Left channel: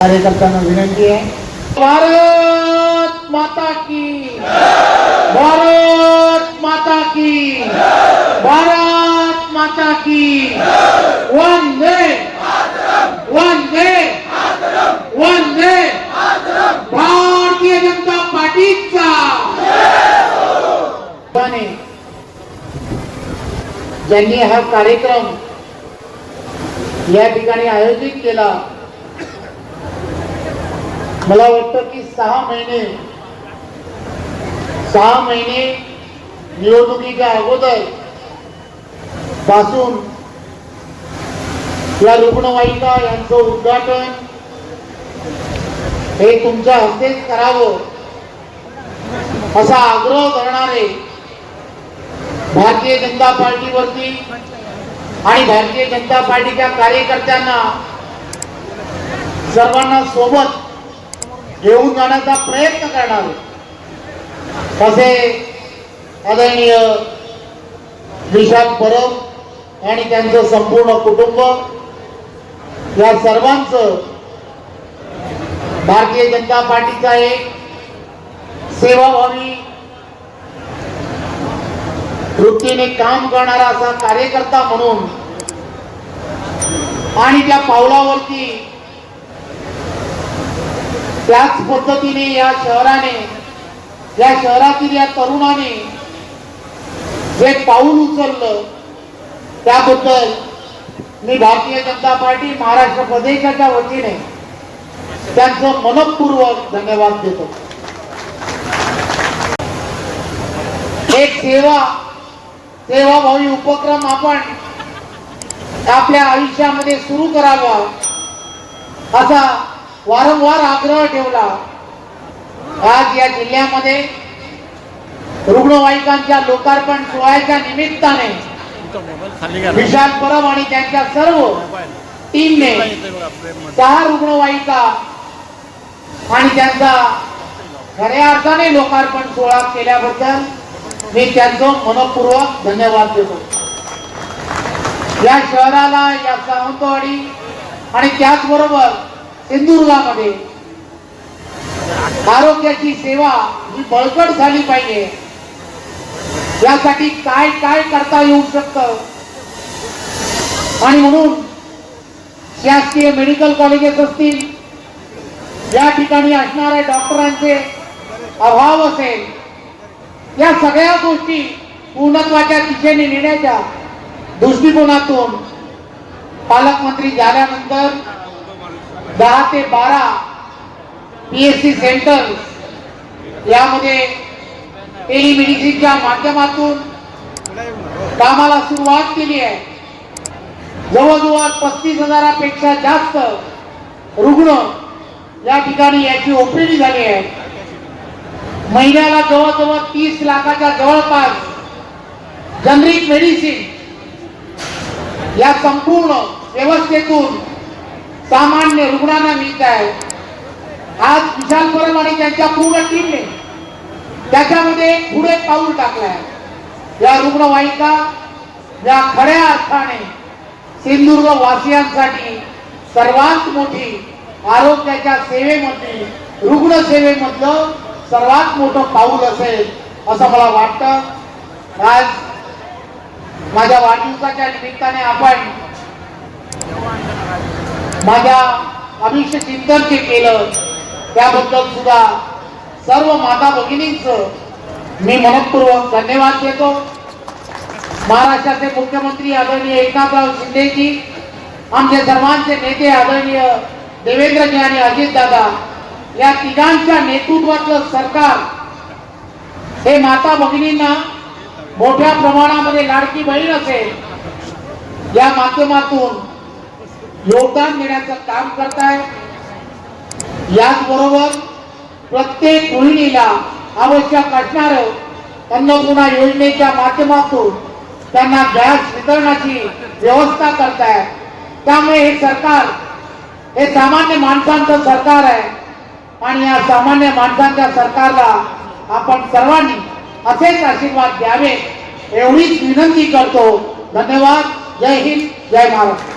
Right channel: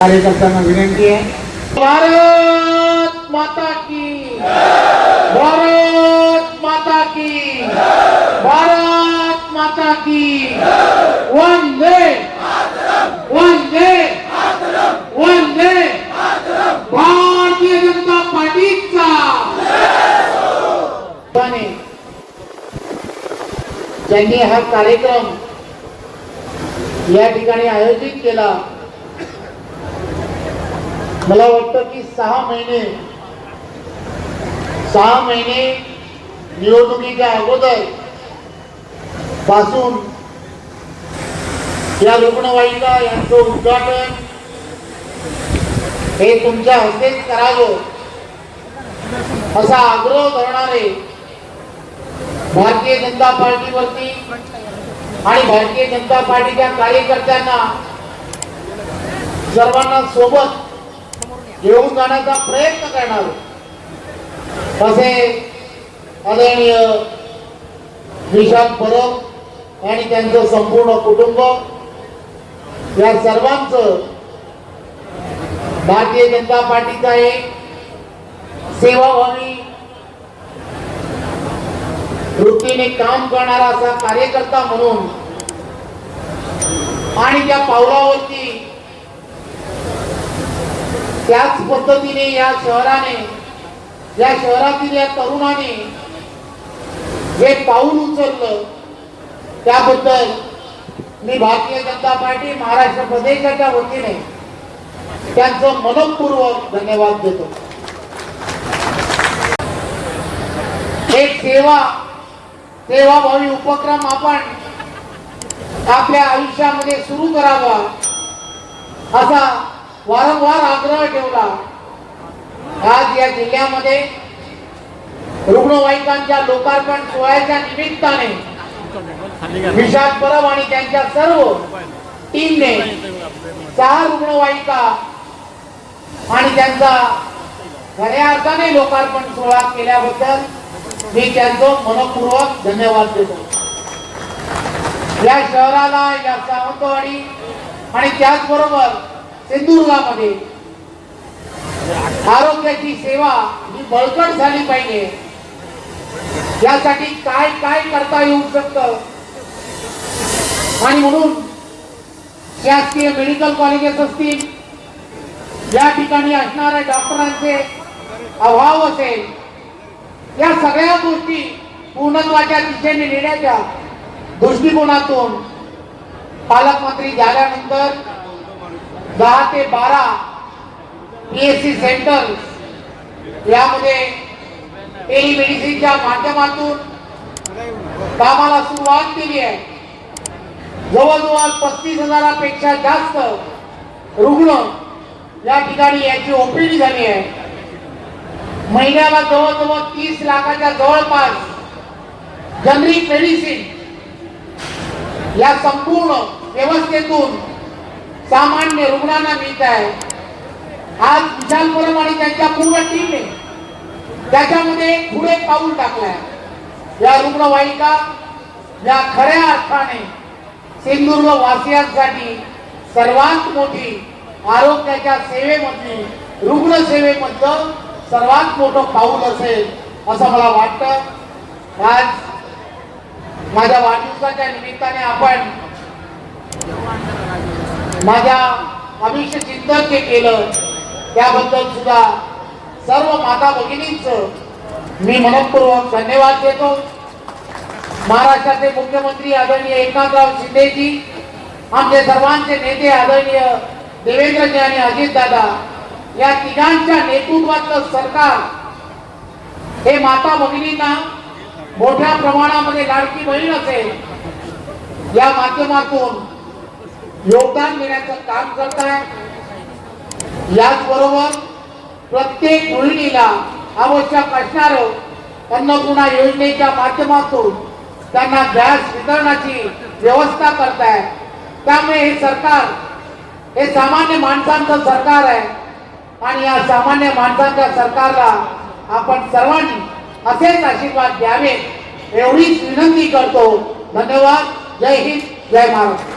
कार्यकर्त्यांना विनंती आहे, भारत माता की, भारत माता की, भारत माता की, वंदे वंदे वंदे भारतीय जनता पार्टीचा ज्यांनी हा कार्यक्रम या ठिकाणी आयोजित केला, मला वाटतं की 6 महिने निवडणुकीच्या अगोदर पासून या रुग्णवाहिका यांचं उद्घाटन हे तुमच्या हस्तेच करावं असा आग्रह करणारे भारतीय जनता पार्टीवरती आणि भारतीय जनता पार्टीच्या कार्यकर्त्यांना सर्वांना सोबत घेऊन जाण्याचा प्रयत्न करणार असे आदरणीय विशाल परब आणि त्यांचं संपूर्ण कुटुंब, या सर्वांचं भारतीय जनता पार्टीचा एक सेवाभावी वृत्तीने काम करणारा असा कार्यकर्ता म्हणून आणि त्या पावलावरती त्याच पद्धतीने या शहराने, या शहरातील या तरुणाने जे पाऊल उचललं त्याबद्दल मी भारतीय जनता पार्टी महाराष्ट्र प्रदेशाच्या वतीने त्यांचं मनपूर्वक धन्यवाद देतो। एक सेवाभावी उपक्रम आपण आपल्या आयुष्यामध्ये सुरू करावा असा वारंवार आग्रह ठेवला। आज या जिल्ह्यामध्ये रुग्णवाहिकांच्या लोकार्पण सोहळ्याच्या निमित्ताने विशाल परब आणि त्यांच्या सर्व टीमने 6 रुग्णवाहिका आणि त्यांचा खऱ्या अर्थाने लोकार्पण सोहळा केल्याबद्दल मी त्यांचं मनपूर्वक धन्यवाद देतो। या शहराला, या सावंतवाडी आणि त्याचबरोबर सिंधुदुर्गामध्ये आरोग्याची सेवा ही बळकट झाली पाहिजे, यासाठी काय काय करता येऊ शकतं आणि म्हणून शासकीय मेडिकल कॉलेजेस असतील, या ठिकाणी असणाऱ्या डॉक्टरांचे अभाव असेल, या सगळ्या गोष्टी पूर्णत्वाच्या दिशेने नेण्याच्या दृष्टिकोनातून पालकमंत्री झाल्यानंतर 10 ते 12 PSC सेंटर यामध्ये टेलिमेडिसिनच्या माध्यमातून कामाला सुरुवात केली आहे। जवळजवळ 35,000पेक्षा जास्त रुग्ण या ठिकाणी याची ओपीडी झाली आहे। महिन्याला जवळजवळ 30 लाखाच्या जवळपास जनरिक मेडिसिन या संपूर्ण व्यवस्थेतून सामान्य रुग्णांना मिळत आहे। आज विशाल परब आणि त्यांच्या पूर्ण टीमने त्याच्यामध्ये पुढे पाऊल टाकलंय। या रुग्णवाहिका या खऱ्या अर्थाने सिंधुदुर्ग वासियांसाठी सर्वात मोठी आरोग्याच्या सेवेमध्ये, रुग्ण सेवेमधलं सर्वात मोठं पाऊल असेल असं मला वाटतं। आज माझ्या वाढदिवसाच्या निमित्ताने आपण माझ्या अभिष्ट चिंतन जे केलं त्याबद्दल सुद्धा सर्व माता भगिनींचं मी मनपूर्वक धन्यवाद देतो। महाराष्ट्राचे मुख्यमंत्री आदरणीय एकनाथराव शिंदेजी, आमचे सर्वांचे नेते आदरणीय देवेंद्रजी आणि अजितदादा, या तिघांच्या नेतृत्वातलं सरकार हे माता भगिनींना मोठ्या प्रमाणामध्ये लाडकी बहीण असेल या माध्यमातून योगदान देण्याचं काम करत आहे। याचबरोबर प्रत्येक गृहिणीला आवश्यक असणारं अन्नपूर्णा योजनेच्या माध्यमातून त्यांना गॅस वितरणाची व्यवस्था करत आहे। त्यामुळे हे सरकार हे सामान्य माणसांचं सरकार आहे आणि या सामान्य माणसांच्या सरकारला आपण सर्वांनी असेच आशीर्वाद द्यावे एवढीच विनंती करतो। धन्यवाद। जय हिंद, जय महाराष्ट्र।